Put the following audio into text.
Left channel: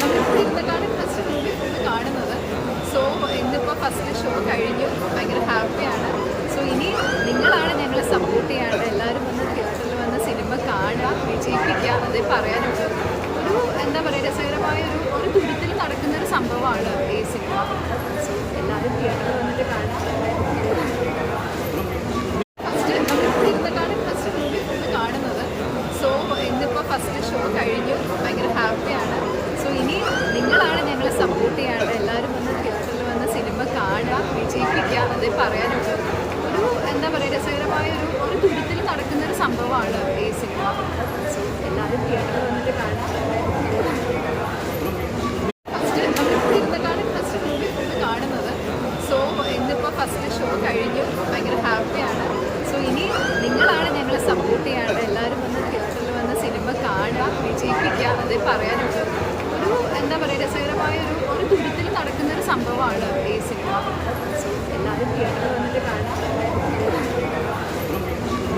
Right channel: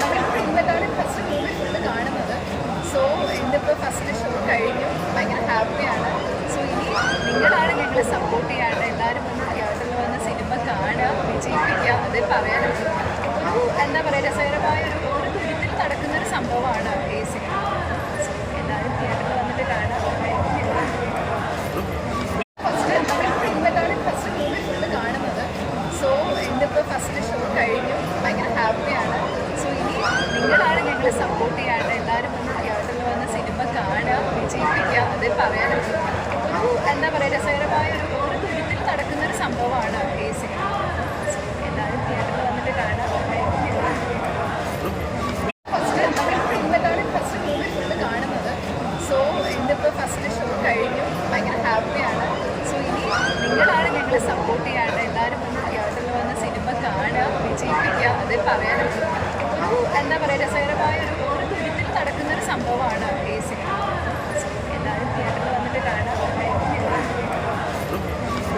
നമ്മളിപ്പോൾ ഇരുന്നിട്ടാണ് first movie full കാണുന്നത്. സോ എന്നിപ്പോൾ ഫസ്റ്റ് ഷോ കഴിഞ്ഞു. ഭയങ്കര ഹാപ്പിയാണ് സോ ഇനി നിങ്ങളാണ് ഞങ്ങളെ സപ്പോർട്ട് ചെയ്യാണ്ട് എല്ലാവരും വന്ന് തിയേറ്ററിൽ വന്ന് സിനിമ കാണുക വിജയിപ്പിക്കുക അതേ പറയാനുള്ളൂ ഒരു എന്താ പറയുക രസകരമായ ഒരു ഒരു തുരുത്തിൽ നടക്കുന്നൊരു സംഭവമാണ് ഈ സിനിമ സോ എല്ലാവരും തിയേറ്ററിൽ വന്നിട്ട് കാണാം ഫസ്റ്റ് ഷോ കഴിഞ്ഞു. ഭയങ്കര ഹാപ്പിയാണ് നിങ്ങളാണ് ഞങ്ങളെ സപ്പോർട്ട് ചെയ്യാണ്ട് എല്ലാവരും വന്ന് തിയേറ്ററിൽ വന്ന് സിനിമ കാണുക വിജയിപ്പിക്കുക അത് പറയാനുള്ളത് ഒരു എന്താ പറയുക രസകരമായ ഒരു ഒരു തുരുത്തിൽ നടക്കുന്നൊരു സംഭവമാണ് ഈ സിനിമ എല്ലാവരും തിയേറ്ററിൽ വന്നിട്ട് കാണാം ഫസ്റ്റ് നമ്മളിപ്പോൾ ഇരുന്നിട്ടാണ് ഫസ്റ്റ് മൂവി കാണുന്നത്. സോ ഇന്നിപ്പോൾ ഫസ്റ്റ് ഷോ കഴിഞ്ഞു. ഭയങ്കര ഹാപ്പിയാണ് സോ ഇനി നിങ്ങളാണ് ഞങ്ങളെ സപ്പോർട്ട് ചെയ്യാണ്ട് എല്ലാവരും വന്ന് തിയേറ്ററിൽ വന്ന് സിനിമ കാണുക വിജയിപ്പിക്കുക അത് പറയാനുള്ളൂ ഒരു എന്താ പറയുക രസകരമായ ഒരു ഒരു തുരുത്തിൽ നടക്കുന്നൊരു സംഭവമാണ് ഈ സിനിമ. എല്ലാവരും തിയേറ്ററിൽ വന്നിട്ട് കാണാം